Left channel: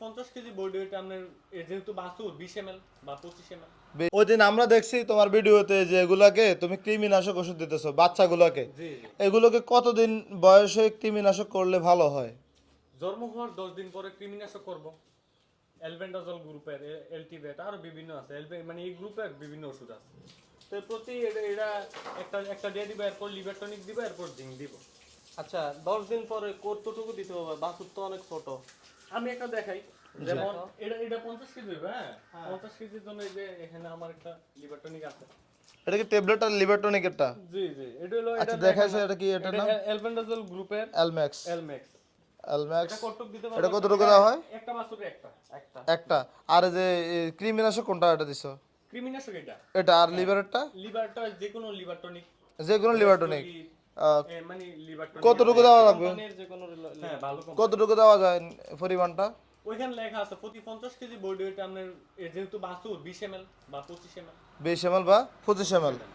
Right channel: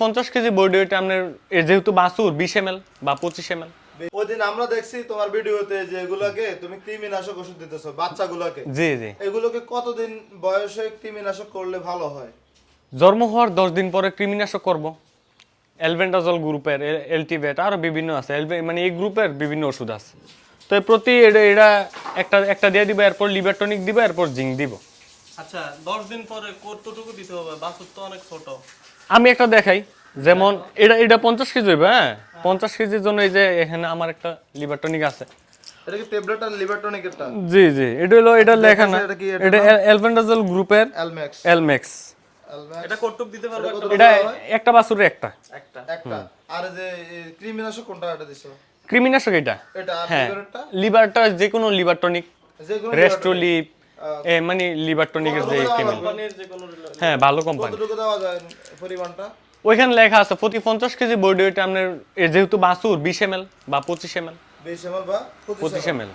50 KG body weight আপনার যেহেতু বাছুর 20 ml বা 25 ml। ওই দিন আমরা দেখছি তোমার ভিডিওতে যে এগুলাকে তুমি কৃমিনাশক ওষুধ দিতেছো বাচ্চাগুলোকে, জি জি। এগুলোকে কতদিন বয়সে কৃমিনাশক করলে ভালো হয়? জন্ম হওয়ার 10 দিন পরে কৃমিনাশক করব। অ্যালবেন্ডাজল গ্রুপের, এলটিভেট আরো বিভিন্ন আছে, মানে এই গ্রুপের বিভিন্ন ওষুধ আছে। তো প্রতি এটা একটা একটা দিয়ে দিব, এরপর লিভার টনিক দিব, এরপর জিঙ্ক দিব। আচ্ছা 10 দিন পরে কতটুকু দিতে হবে? বাছুর তো অনেক ছোট। আমি একটা দেখাই, যেমন এটা 50 কেজি হইবে, হ্যাঁ 50 কেজির জন্য এই যে এখানে আমার একটা লিভার টনিক আছে। এটা কি ট্যাবলেট আর লিভার টনিকেরটা? জি জি, এটা হলো এটা লেখা না, এটা কি এটা অ্যালবেন্ডাজল গ্রুপের এলম্যাক্স? এলম্যাক্স। এলম্যাক্স এটা কতটুকু দিতে এটা পারবে? কতটুকু এটা দেওয়া হয়? একটা বাছুরের একটা। একটা। একটা। আর এই যে কৃমিনাশক কোনটা এটা দিছো? কৃমিনাশক এটা। এটা আর হ্যাঁ, লিভারটা? লিভারটা যে কোনো লিভার টনিক, যেগুলো রেস্টোলিপ, মানে লিভার টনিকের যে কতটুকু দেওয়া কেমন। হবে? কোম্পানির যে কোনো হ্যাঁ, ভালো কোম্পানি। কতটুকু দেওয়া যায় পরিমাণটা? ওইখানে লেখা আছে প্রতি 50 কেজি বডি ওয়েট আপনার যেহেতু বাছুর 20 ml বা 25 ml। 20 ml বা 25 25 ml? ml।